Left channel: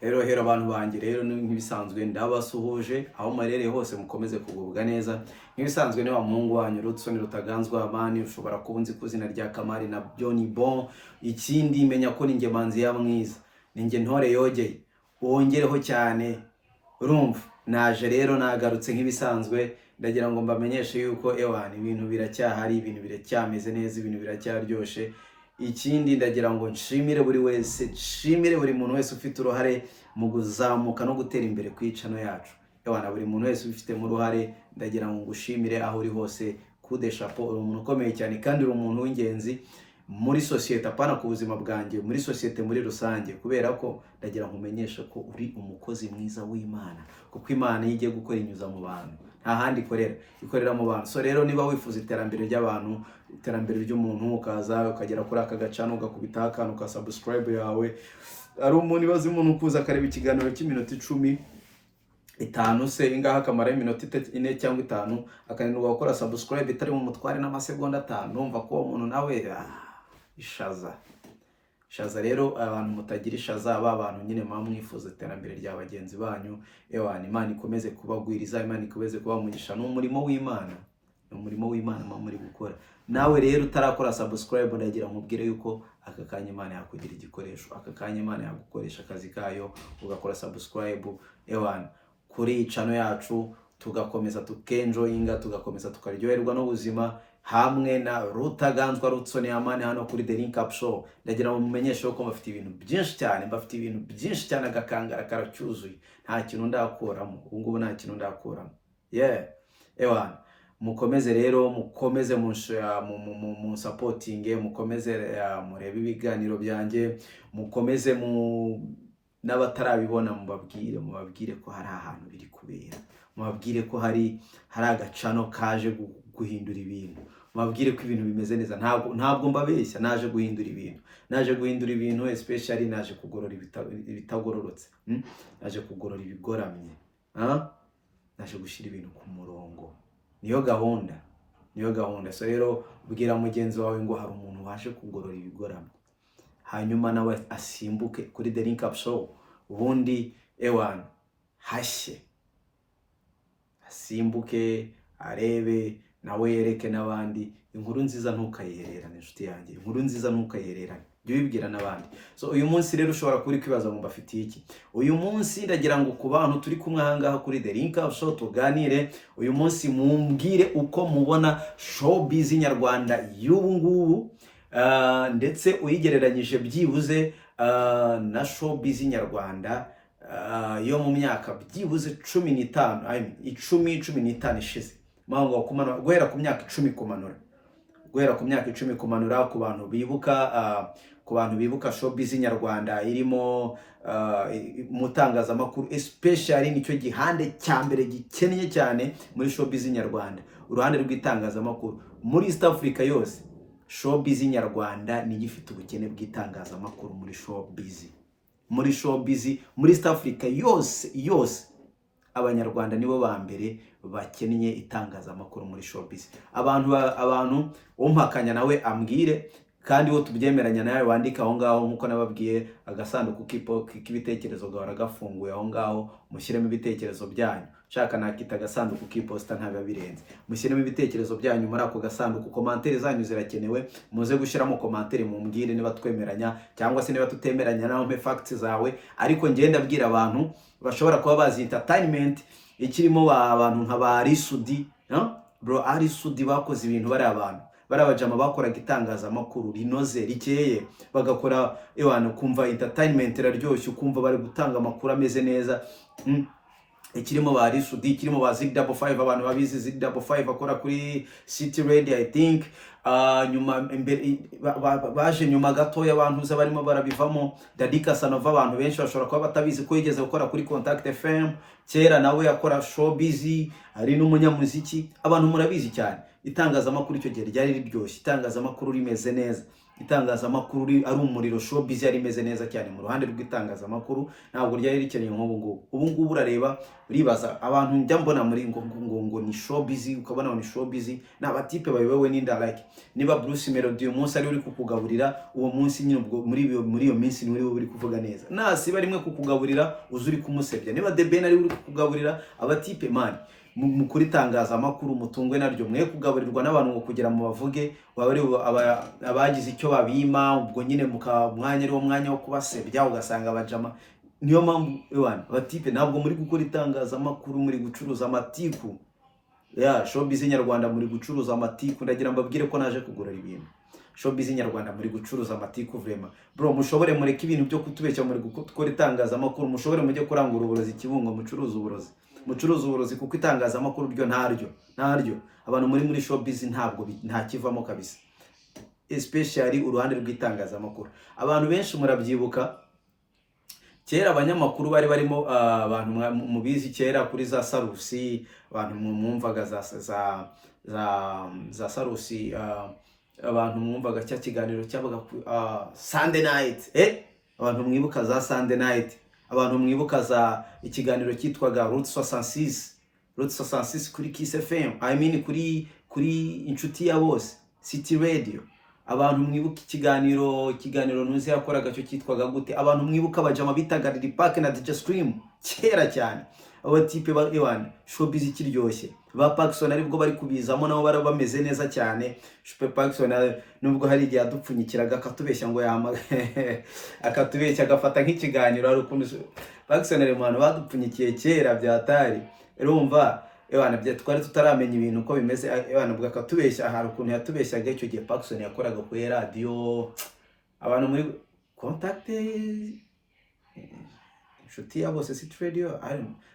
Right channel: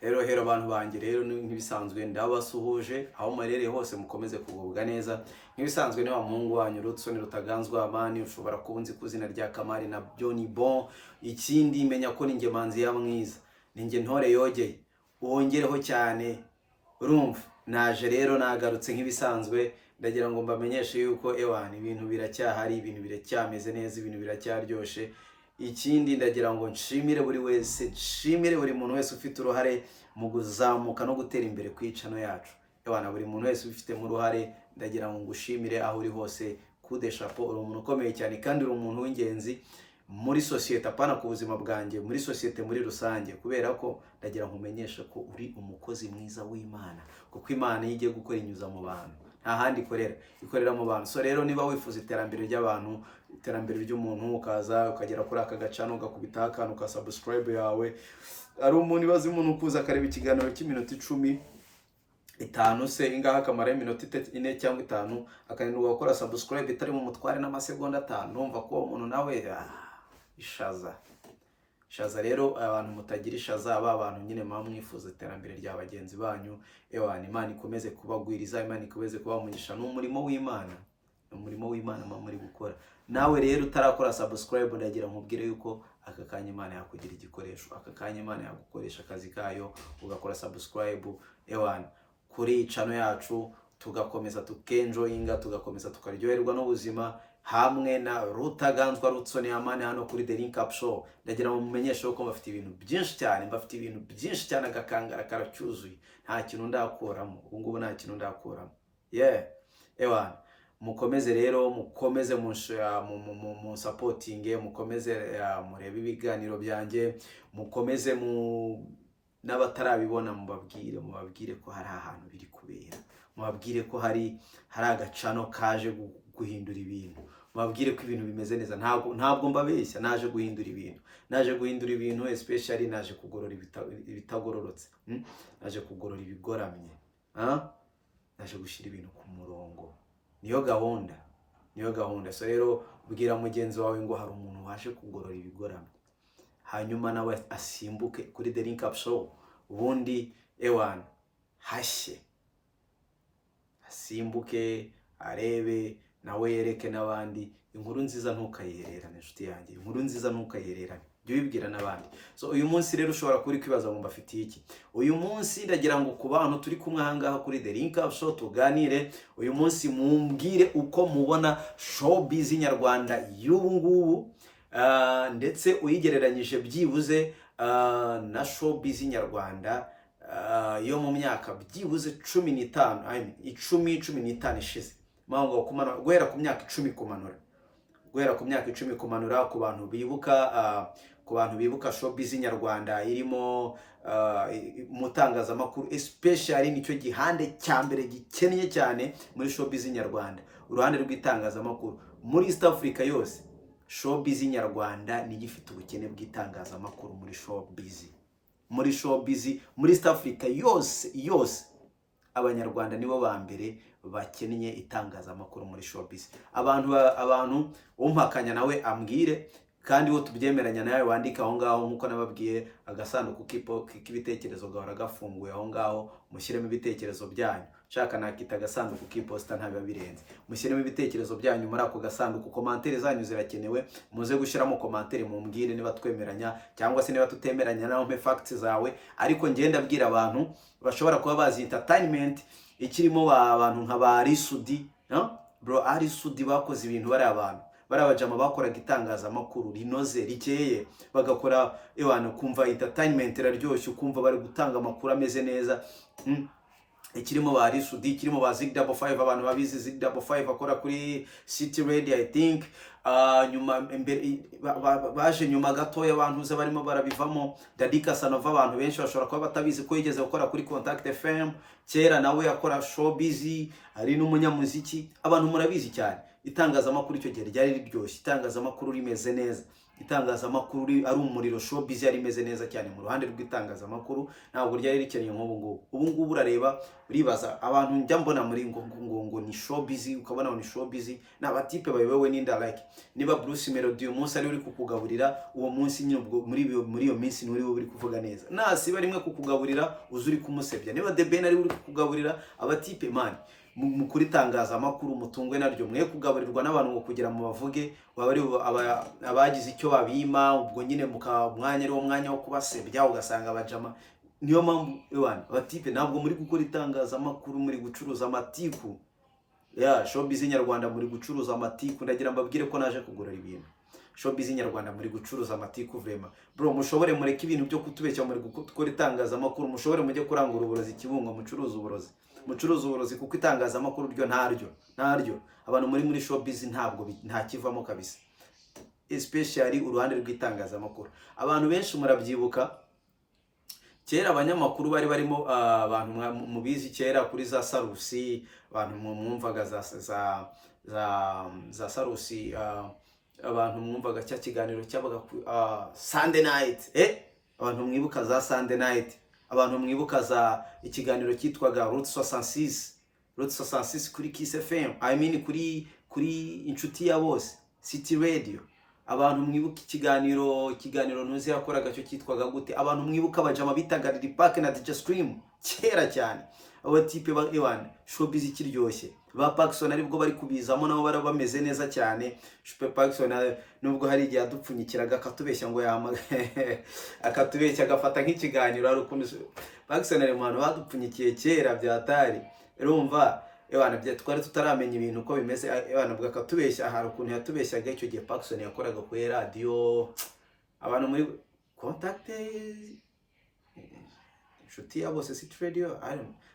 Hero abantu banjye rero nk'ibisanzwe ndabasuhuje aho marereye hose mukomeze kugubwa neza. Nk'ibisanzwe ni wa muhungu wanyu Rutson Rutaganzwa Amani, ushobora kuba unzi kuzina rya Kamari na Johnny Bon. Ikindi menya ko ninjye manzi ya mwiza, ninjye ntore yogeye, wongereho cyane. Urumva naje rero nagarutse nk'ibisanzwe, ndagira ngo mbamenyeshe yuko ibintu biracyahari, ibintu biracyameze neza, ibintu biracyaryoshe. Ikindi ndagira ngo nshimire buri wese, nshimire buri muntu wese ufite uruhare mu kuzamuka no gutera imbere ku icano yacu. Buri muntu wese ufite mu ruhare, ndagira ngo ngushimire aho uri hose. Kude chapeau, uri umuntu ukomeye cyane kandi uri umuntu w'ingenzi muri societe, apana ku buzima bwanjye, muri societe muri rusange, kubera ko ndagira ngo umenyeshe ko uri umukozi mwiza w'Imana, kuko Imana igiye gukora inyuza mu bantu, nta handi ikorera mu bantu. So rero niba wifuza iterambere ry'abantu, iterambere ry'umuntu, ukaza ukagera kuri aka gacano ugakubita akantu ka subscribe yawe, ari umuntu ibaze umuntu ukuza akareba ikiganiro cy'iminota 15 se ingaha kamara iminota 4 cyangwa 5, akananirwa gukora subscribe itari mu mutware n'amasegonda 5, numva ko umuntu nawe ishaza rero. Abantu mutagira ishaza, abantu nyine mwifuza iterambere rya bagenzi banyu, Imana ikomeze kubagwiriza, Imana ikomeze kubamugisha. N'umurimo w'Imana, umurimo w'Imana muri gukora. Nawe rero utarakora subscribe, ndagira nkubwire yuko aka kanya Imana yakugira igikoresho, aka kanya Imana yagukoresha akazi kayo, ugakora subscribe kuri channel yacu, tugakomeza tukenjoyinga, tugakomeza tukaryoherwa n'ubuzima hamwe na Rutaganzwa Rutson Amani hano kuri The Link Up Show. Ndagira ngo mumenyeshe ko mbafite ibintu byinshi cyane, agakangara karacyuzuye, nta kintu ndakuramo. Ubu ngubu nta kintu ndakuramo. Mukomeze rero, mukomeze mu supporting, mukomeze murebe ibiganiro byanjye, mukomeze n'abatarabibona mubabwire ko hari ahantu biri kubera, mubabwire ko hari agacano kaje guhindura ibintu, mubabwire ko ibintu bimeze neza. Ntabwo mbabeshya, naje guhindura ibintu, especially naje kugorora ibitagororotse, naje kugorora ibigoramye, naje gushyira ibintu ku murongo. Niyo gahunda. So rero bwira mugenzi wawe ngo hari umuntu waje kugorora ibigoramye, hanyuma nawe asimbuke kuri The Link Up Show, ubundi hashye, asimbuke arebe nawe yereke n'abandi. Inkuru nziza ntukayihererane inshuti yanjye, inkuru nziza ntukayihererane, jya ubibwira n'abandi. So uyu munsi rero ushobora kuri kwibaza ngo mbafitiye iki. Uyu munsi ndagira ngo ku bantu turi kumwe ahangaha kuri The Link Up Show tuganire. Uyu munsi mumbwire uko mubona showbiz nyarwanda y'ubu ngubu, ndetse uyigereranyije byibuze na showbiz nyarwanda yo mu myaka byibuze 15 ishize. Mango kumanura guhera ku myaka 10 kumanura, ku bantu bibuka showbiz nyarwanda irimo mutangazamakuru, especially nicyo gihande cya mbere gikennye cyane muri showbiz nyarwanda, uruhande rw'itangazamakuru muri East Africa yose. Showbiz nyarwanda ni gifite ubukene bw'itangazamakuru muri showbiz muri East Africa yose abanyarwanda nibo ba mbere bakennye itangazamakuru muri showbiz. Abantu umpakanya nawe ambwire, kandi wo tubyemeranya nawe wandika aho ngaho, nkuko nababwiye agasanduku k'ibitekerezo gahora gafunguye aho ngaho, mushyiremo ibitekerezo byanyu. Shaka nakita agasanduku k'iposta ntabiba birenze, mushyiremo ibitekerezo byanyu muri ako gasanduku. Commentaire zanyu zirakenewe, muze gushyiramo commentaire mumbwire niba twemeranya cyangwa se niba tutemeranya, naho mpe facts zawe. Ariko ngenda abwira abantu bashobora kuba bazi entertainment ikirimo abantu nka ba Arisudi, bro Arisudi bakoze ibintu, bari abajama bakoraga itangazamakuru rinoze rikeye, bagakora kumva entertainment iraryoshye, ukumva bari gutanga amakuru ameze neza. Ikirimo ba Arisudi, ikirimo ba Zig5, abantu babizi Zig5 akora kuri City Radio I think. Nyuma baje nyuma gatoya abantu uza barimo barabivamo. Daddy Casanova, abantu benshi bashobora kuba batabizi ko yigeze gukora kuri Contact FM kera, nawe yakora showbiz, ari n'umunyamuziki. Abantu murabizi cyane itangazamakuru icyo gihe ryari riryoshye, itangazamakuru rimeze neza. itangazamakuru ari umuriro, showbiz yari imeze neza cyane mu ruhande rw'itangazamakuru, ntabwo ryari rikeneye nk'ubu ngubu. Ubu ngubu urareba uribaza abantu njya mbona muri ngo ni showbiz, ukabona ni showbiz, n'abatipe bayobewe n'inda, like niba Bruce Melody uyu munsi ari uri kukugaburira, uwo munsi nyine ubwo muri iyo minsi ni uri kuvuga neza. Nasiba rimwe kukugaburira uzi uri kumusebya. Niba The Ben ari uri kukugaburira, abatipe man mukuri tangazamakuru mutungwe naryo, mwe kugaburirwa n'abantu ngo kugira mu bavuge abagize icyo babima, ubwo nyine mwanya ari wo mwanya wo kubasebya, ugasanga abajama. Niyo mpamvu abatipe ntabwo muri gukora itangazamakuru, muri gucuruza amatiku. Showbiz nyarwanda muri gucuruza amatiku. Ndagira mbabwire ko naje kugura ibintu. Showbiz nyarwanda muri gucuruza amatiku vraiment. Bro, mushobore mureke ibintu byo kutubeshya, muri gukora itangazamakuru, mushobore mujye kurangura uburozi Kibungo, mucuruza uburozi, kuko itangazamakuru ryo ntaryo. Abantu muri showbiz nta kivamo kabisa, especially uruhande rw'itangazamakuru. Abantu benshi murabyibuka kera abanyamakuru bari barimo abantu mubizi kera kuri za Sarusi, abantu mwumvaga za Sarusi, abantu mwumvaga cya kiganiro cyabaga Sunday night, abantu mwibuka za Sunday night, abantu mwibuka za ikiganiro cyitwaga Route 66 kuri Kiss FM, I mean kuri inshuti ya bose City Radio. Abantu mwibuka ikiganiro nuzi yakoraga cyo cyitwaga gute, abantu mwibuka abajama bitaga Lil Pac na DJ Scream kera cyane. Abo tipe ba showbiz kiryoshye, ba Paxson aribwo bari kubizamo, nabo bameze neza cyane. Super Paxson nubwo hari igihe adupfunyikiraga akatubeshya ngo akatubeshya agafata nk'ikiganiro, ari ukuntu Paxson ari umuntu badupfunyikiye kera byatari. Urumva twari tutaramenya ibintu uko bimeze, bwo akatubeshya. Hari ukuntu yatubeshyaga icyo gihe Paxson yakoraga kuri radio, abantu muri contact inshuti ya bose City Radio,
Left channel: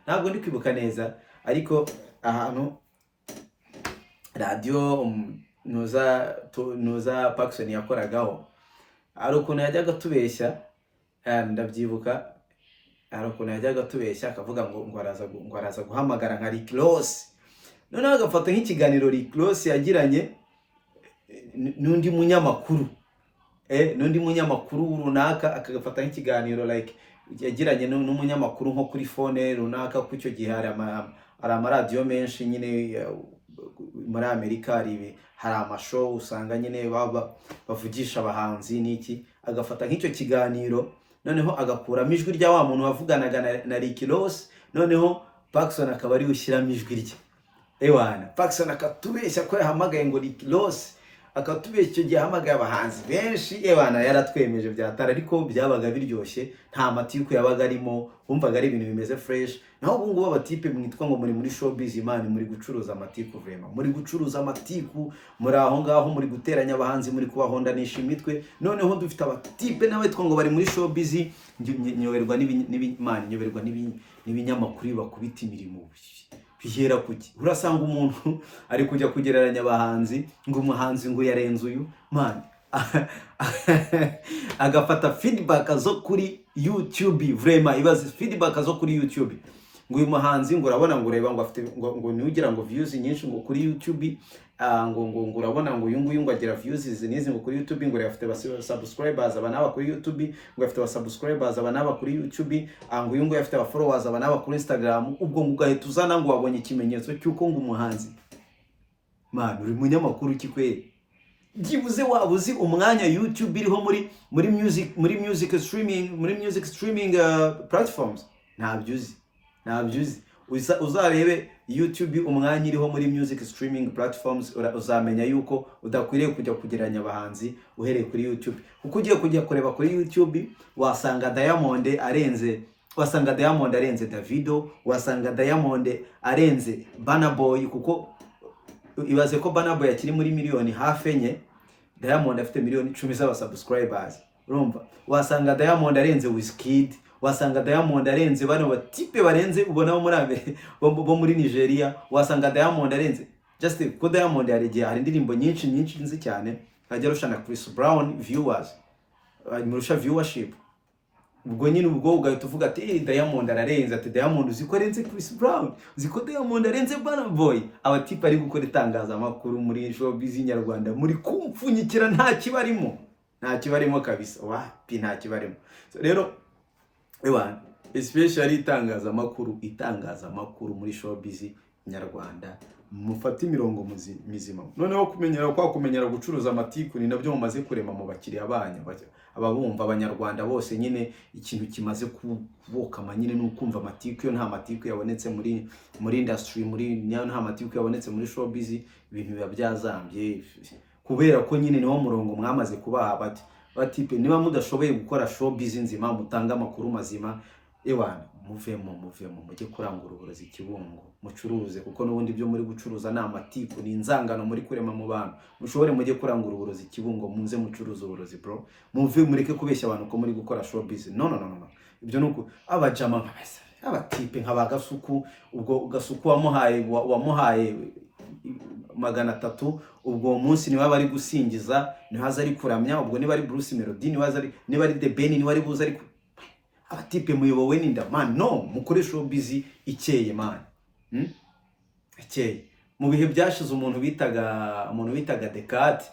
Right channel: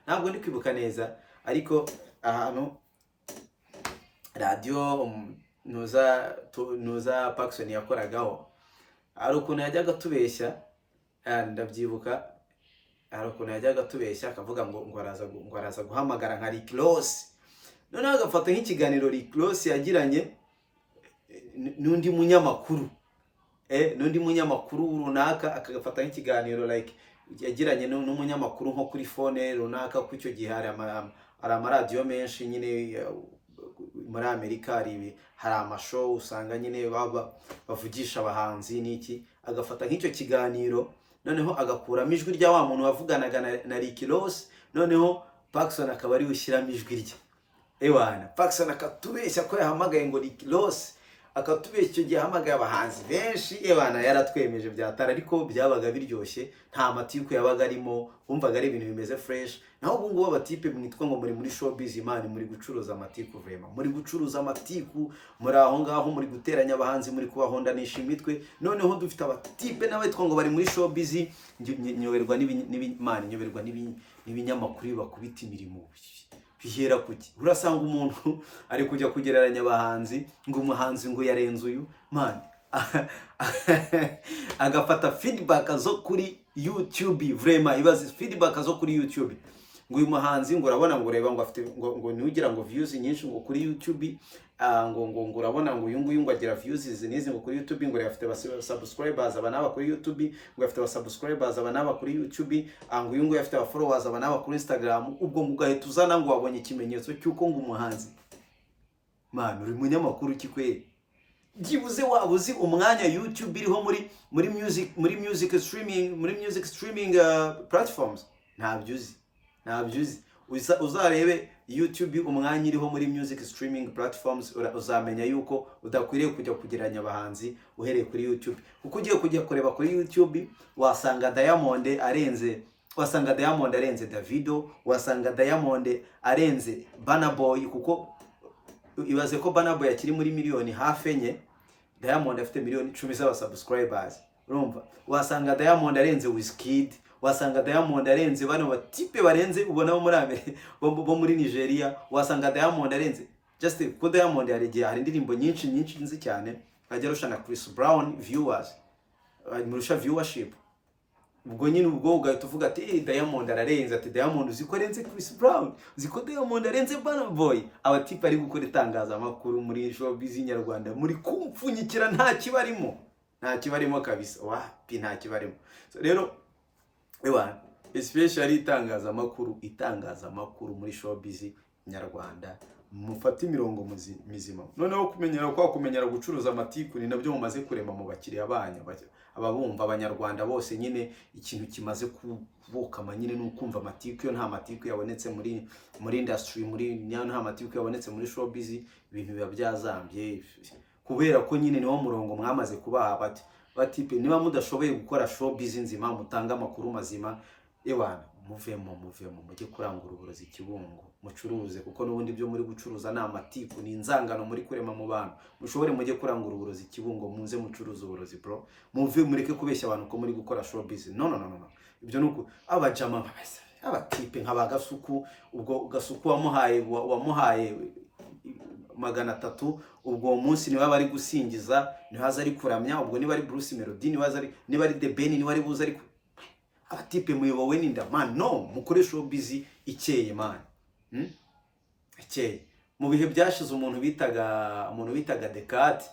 ntabwo ndi kwibuka neza, ariko ahantu radio nuza Paxson yakoragaho, hari ukuntu yajyaga tubeshya, ndabyibuka. Hari ukuntu yajyaga tubeshya akavuga ngo araza guhamagara nka Rick Ross, noneho agafata nk'ikiganiro Rick Ross yagiranye n'undi munyamakuru runaka, akagafata nk'ikiganiro like yagiranye n'umunyamakuru nko kuri phone runaka. Ku icyo gihe hari amaradiyo menshi nyine muri Amerika, hari amashow usanga nyine bavugisha abahanzi n'iki, agafata nk'icyo kiganiro, noneho agakuramo ijwi rya wa muntu wavuganaga na Rick Ross, noneho Paxson akaba ari ushyiramo ijwi rye. Paxson akatubeshya ko yahamagaye ngo Rick Ross, akatubeshya icyo gihe ahamagaye abahanzi benshi. Yaratwemeje byatara, ariko byabaga biryoshye, nta matiku yabaga arimo, wumvaga ari ibintu bimeze fresh. Naho ubu ngubu abatipe mwitwa ngo muri showbiz, imana muri gucuruza amatiku vraiment, muri gucuruza amatiku, muri aho ngaho muri guteranya abahanzi, muri kubahondanisha imitwe. Noneho dufite abatipe nawe twa ngo bari muri showbiz, nyoberwa n'ibinyamakuru bakubita imirimo. Bihera kuki? Urasanga umuntu ari kujya kugereranya abahanzi, ngo umuhanzi ngo yarenze uyu man, agafata feedback zo kuri YouTube vraiment, ibaze feedback zo kuri YouTube, ngo uyu muhanzi ngo urabona ngo ureba ngo afite ngo niugira ngo views nyinshi ngo kuri YouTube, ngo urabona ngo uyu nguyu ngo agira views nizi ngo kuri YouTube, ngo afite subscribers abanaba kuri YouTube, ngo afite subscribers abanaba kuri YouTube, ngo uyu nguyu afite followers abanaba kuri Instagram. Ubwo ngo ugahita uzana ngo wabonye ikimenyetso cyuko ngo umuhanzi man uri munyamakuru kikwere. Byibuze wabuzi umwanya YouTube iriho muri music streaming platforms, ntabyuzi. Uzarebe YouTube umwanya iriho muri music streaming platforms, uzamenya yuko udakwiriye kujya kugeranya abahanzi uhereye kuri YouTube. Kuko ugiye kujya kureba kuri YouTube wasanga Diamond arenze Davido, wasanga Diamond arenze Burna Boy, kuko ibaze ko Burna Boy akiri muri miliyoni hafi enye, Diamond afite miliyoni 10 z'aba subscribers. Urumva, wasanga Diamond arenze Wizkid, wasanga Diamond arenze bano batipe barenze ubona bo muri Nigeria, wasanga Diamond arenze just ko Diamond hari indirimbo nyinshi nzi cyane, ajya rushana Chris Brown viewers, murusha viewership. Ubwo nyine ubwo ugahita uvuga ati Diamond ararenze, ati Diamond uziko arenze Chris Brown, uziko Diamond arenze Burna Boy. Abatipe ari gukora itangazamakuru muri showbiz nyarwanda, muri kumfunyikira nta kibarimo, nta kibarimo kabisa, wapi nta kibarimo. So rero especially itangazamakuru muri showbiz nyarwanda, mufate imirongo mizima. Noneho kumenyera gucuruza amatiku ni nabyo mumaze kurema mu bakiriya banyu, ababumva abanyarwanda bose. Nyine ikintu kimaze kubokama nyine n'ukumva amatiku. Yo nta matiku yabonetse muri industry, nta matiku yabonetse muri showbiz, ibintu biba byazambye, kubera ko nyine niwo murongo mwamaze kubaha batipe. Niba mudashoboye gukora showbiz nzima, mutanga amakuru mazima, muvemo mujye kurangura uburozi Kibungo, mucuruze, kuko n'ubundi byo muri gucuruza ni amatiku, ni inzangano muri kurema mu bantu. Mushobore mujye kurangura uburozi Kibungo, muze mucuruza uburozi bro, mureke kubeshya abantu ko muri gukora showbiz. No, ibyo nuko abajama nk'abasa, abatipe nk'abagasuku. Ubwo Gasuku wamuhaye 300, ubwo munsi niba bari gusingiza, nihaza ari kuramya. Ubwo niba ari Bruce Melody, niba ari The Ben, niba ari buza ari abatipe muyobowe n'inda man. No, mukoresha showbiz ikeye man, ikeye. Mu bihe byashize umuntu bitaga Descartes,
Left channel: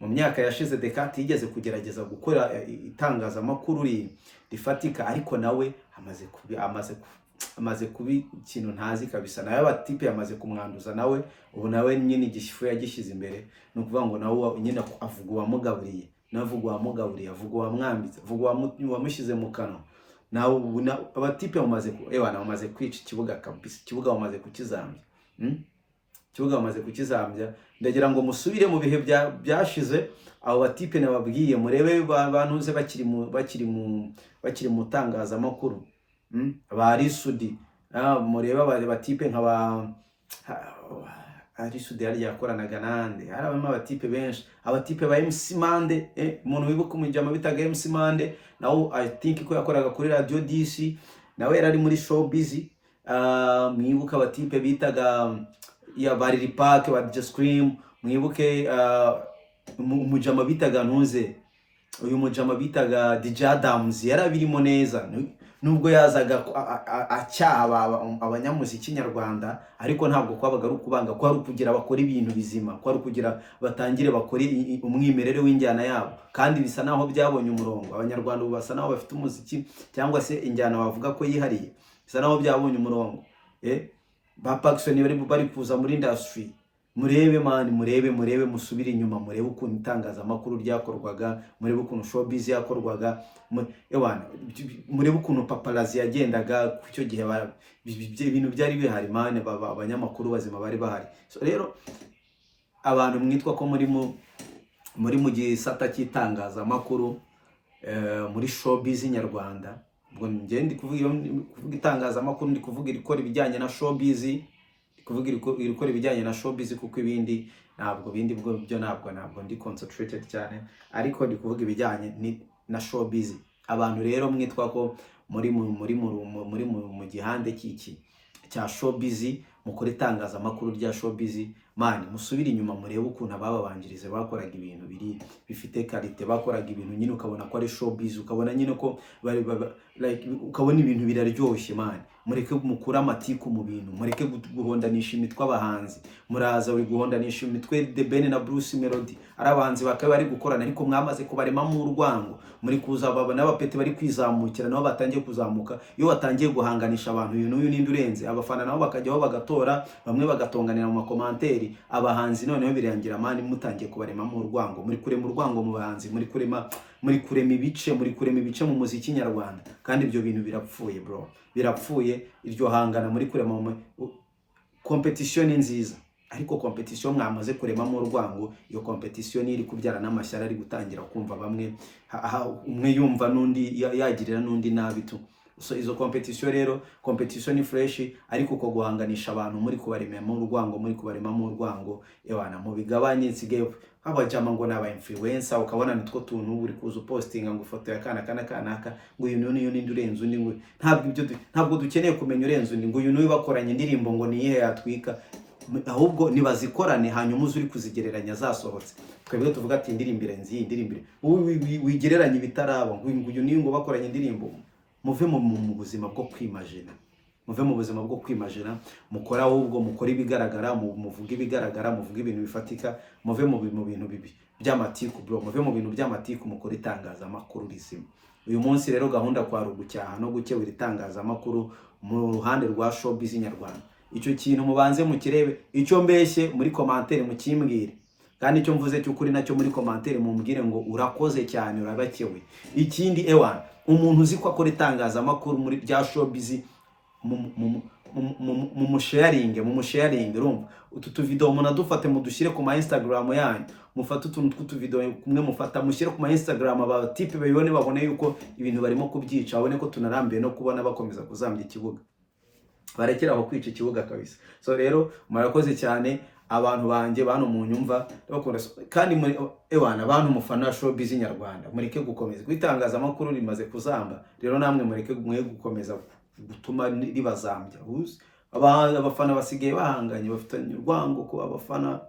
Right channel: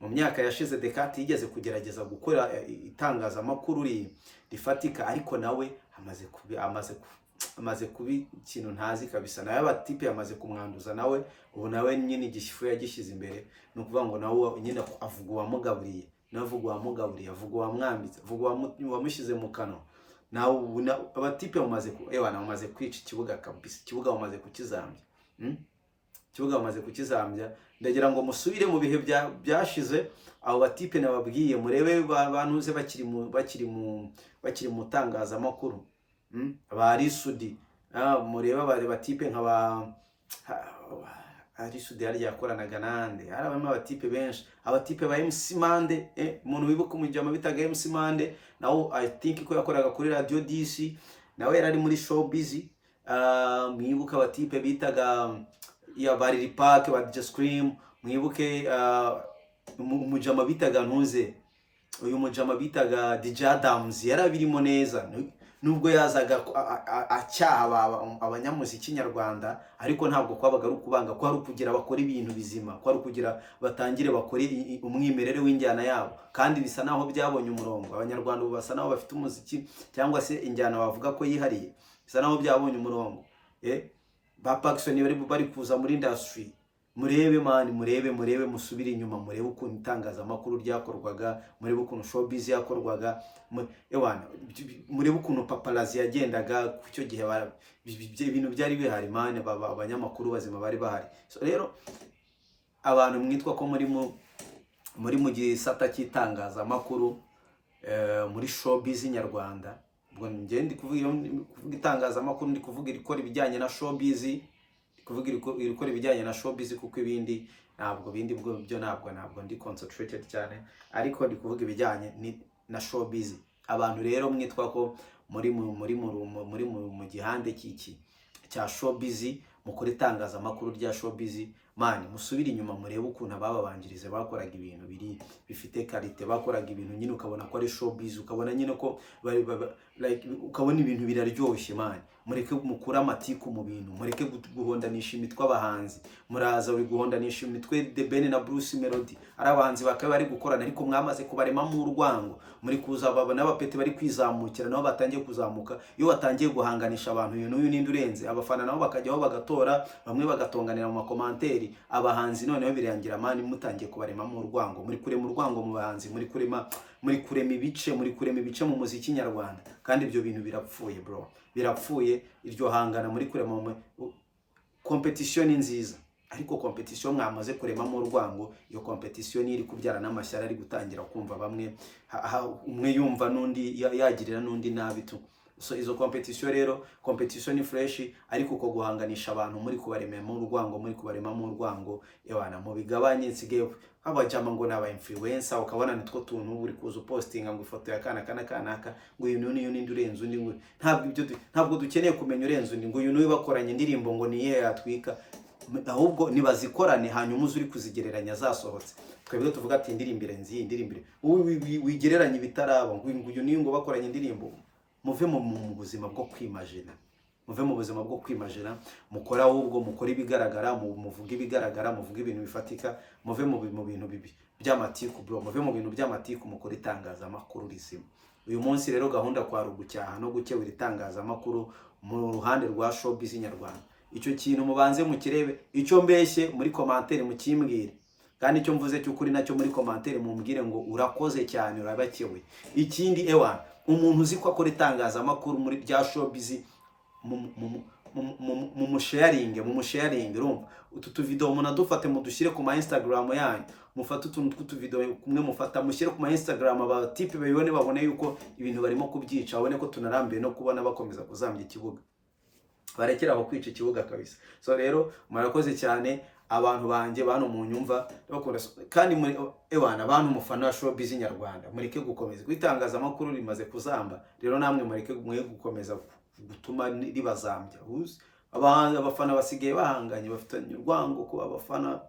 mu myaka yashize Descartes yigeze kugerageza gukora itangazamakuru rifatika, ariko nawe amaze kubi ikintu ntazi kabisa. Nawe abatipe yamaze kumwanduza nawe. Ubu nawe nyine igishifu yagishyize imbere, no kuvuga ngo nawe nyine avuga uwamugaburiye, navuga uwamugaburiye, avuga uwamwambitse, avuga uwamushyize mu kanwa. Nawe abatipe bamaze kwica ikibuga kabisa. Ikibuga bamaze kukizambya, ikibuga bamaze kukizambya. Ndagira ngo musubire mu bihe byashize. Abo batipe nababwiye, murebe bantuze bakiri mu tangazamakuru, ba Sudi, mureba batipe nk'aba Sudi yari yakoranaga nande. Harabamo abatipe benshi, abatipe ba MC Mande, umuntu wibuka umujyama bitaga MC Mande, nawe I think ko yakoraga kuri Radio DC, nawe yari muri showbiz. Mwibuka abatipe bitaga bari Park, ba DJ Scream. Mwibuke umujyama bitaga ntuze, uyu mujyama bitaga DJ Adams, yarabirimo neza. Nubwo yazaga acyaha abanyamuziki nyarwanda, ariko ntabwo kwabaga ari ukubanga, ko ari ukugira bakora ibintu bizima, ko ari ukugira batangire bakora umwimerere w'injyana yabo. Kandi bisa naho byabonye umurongo. Abanyarwanda basa naho bafite umuziki cyangwa se injyana bavuga ko yihariye, bisa naho byabonye umurongo. Ba Paxson bari kuza muri industry. Murebe man, murebe musubire inyuma, murebe ukuntu itangazamakuru ryakorwaga, murebe ukuntu showbiz yakorwaga, murebe ukuntu paparazzi yagendaga ku cyo gihe. Ibintu byari bihari man, abanyamakuru bazima bari bahari. So rero abantu mwitwa ko muri mu gisata cy'itangazamakuru, muri showbiz nyarwanda, ubwo ngende kuvuga itangazamakuru, ndi kuvuga irikora ibijyanye na showbiz, kuvuga irikora ibijyanye na showbiz, kuko ibindi ntabwo ndi concentrated cyane, ariko ndi kuvuga ibijyanye na showbiz. Abantu rero mwitwa ko muri mu gihande cya showbiz, mukora itangazamakuru rya showbiz man, musubire inyuma, murebe ukuntu ababanjirize bakoraga ibintu bifite karite, bakoraga ibintu nyine ukabona ko ari showbiz, ukabona nyine ko ukabona ibintu biraryoshye man. Mureke mukura amatiku mu bintu, mureke guhondanisha imitwe abahanzi. Muraza uri guhondanisha imitwe The Ben na Bruce Melody, ari abahanzi bakaba bari gukorana, ariko mwamaze kubarema mu urwango. Muri kuza n'abapeti bari kwizamukira, nabo batangiye kuzamuka. Iyo watangiye guhanganisha abantu, uyu n'uyu ninde urenze, abafana nabo bakajyaho bagatora, bamwe bagatonganira mu makomanteri. Abahanzi noneho birangira mani mutangiye kubarema mu urwango. Muri kurema urwango mu bahanzi, muri kurema ibice mu muziki nyarwanda. Kandi ibyo bintu birapfuye bro, birapfuye. Iryo hangana muri kurema competition nziza, ariko competition mwamaze kurema mu urwango. Iyo competition iri kubyara n'amashyara, ari gutangira kumva bamwe umwe yumva n'undi yagirira n'undi nabi tu. So izo competition rero, competition ni fresh, ariko uko guhanganisha abantu muri kubarema mu urwango, mu bigabanye. Nsigaye abajama ngo naba influencer, ukabona nitwo tuntu uri kuza postinga ngo ifoto ya kanaka, ngo uyu ninde urenze undi. Ngo ntabwo dukeneye kumenya urenze undi, ngo uyu n'uyu bakoranye indirimbo ngo niyihe yatwika, ahubwo nibazikorane, hanyuma uzuri kuzigereranya zasohotse. Twebwe tuvuga ati indirimbire wigereranya ibitaraba, ngo uyu n'uyu ngo bakoranye indirimbo. Muve mu buzima bwo kwimagina, mukora ahubwo mukora ibigaragara, muvuga ibigaragara, muvuga ibintu bifatika. Muve mu bintu bibi. by'amatiku bro, muve mu bintu by'amatiku mukora itangazamakuru rizima. Uyu munsi rero gahunda kwa rugucyaha no gukebura itangazamakuru mu ruhande rwa showbiz nyarwanda. Icyo kintu mubanze mukirebe, icyo mbeshye muri commentaire mukimbwire, kandi icyo mvuze cy'ukuri nacyo muri commentaire mumbwire ngo urakoze cyane urabakewe. Ikindi ewana, umuntu uzi ko akora itangazamakuru muri rya showbiz mu sharing urumva, utu tuvideo munadufate mudushyire ku ma Instagram yanyu, mufate utuntu tw'utuvideo kumwe mufata mushyire ku ma Instagram, aba type babone yuko ibintu barimo kubyica, babone ko tunarambiye no kubona bakomeza kuzambya ikibuga, barekera aho kwica ikibuga kabisa. So rero murakoze cyane abantu banje bano mu nyumva bakunda, kandi muri ewana abantu mufana showbiz nyarwanda, mureke gukomeza kwitangaza amakuru rimaze kuzamba. Rero namwe mureke gukomeza gutuma ribazambya. Abafana basigaye bahanganye, bafitanye urwango ko abafana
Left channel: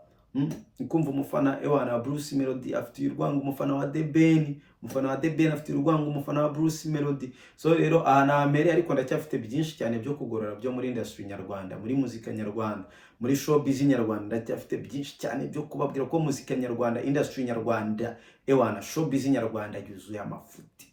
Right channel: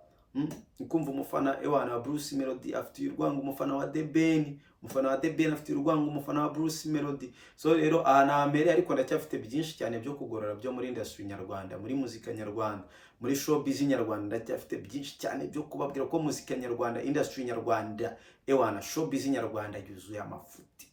kumva umufana ewana wa Bruce Melody afite urwango umufana wa The Ben, umufana wa The Ben afite urwango umufana wa Bruce Melody. So rero aha mbere ariko ndacyafite byinshi cyane byo kugorora byo muri industry nyarwanda, muri muzika nyarwanda, muri showbiz nyarwanda ndacyafite byinshi cyane byo kubabwira ko muzika nyarwanda, industry nyarwanda ewana showbiz nyarwanda yuzuye amafuti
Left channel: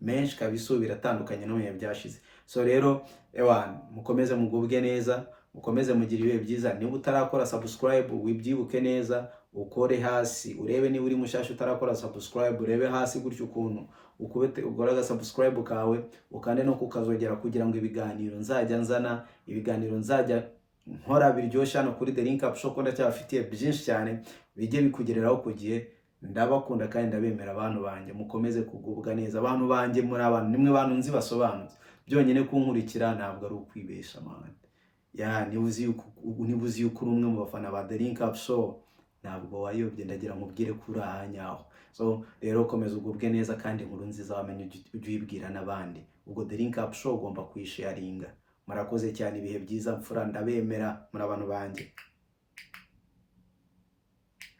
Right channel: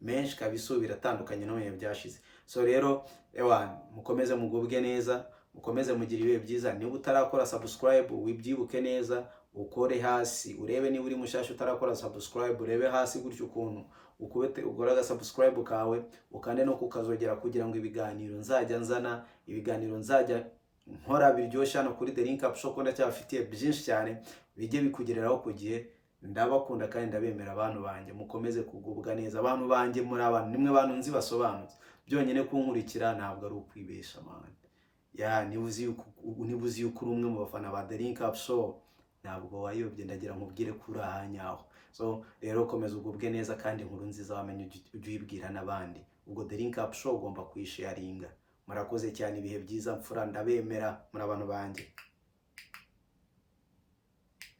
menshi kabisa, biratandukanye no mu byashize. So rero ewana mukomeze mugubwe neza, mukomeze mugira ibihe byiza. Niba utarakora subscribe wibyibuke neza, ukore hasi urebe, niba uri mushasha utarakora subscribe urebe hasi gutyo ukuntu ukubete ugoraga subscribe kawe, ukande no kukazogera kugira ngo ibiganiro nzajya nzana, ibiganiro nzajya nkora biryoshye hano kuri The Link Up Show, ko ndacyafitiye byinshi cyane bijye bikugereraho ku gihe. Ndabakunda kandi ndabemera abantu banje, mukomeze kugubwa neza abantu banje, muri abantu nimwe bantu nzi basobanutse, byonyine kunkurikira ntabwo ari ukwibesha man. Ya nibuzi yuko umwe mu bafana ba The Link Up Show, ntabwo wayobye, ndagira nkubwire kuri ahanyaho. So rero komeza ugubwe neza, kandi inkuru nziza wamenye ujye uyibwira n'abandi. Ubwo The Link Up Show ugomba kuyisharinga. Murakoze cyane, ibihe byiza mfura, ndabemera muri abantu banje.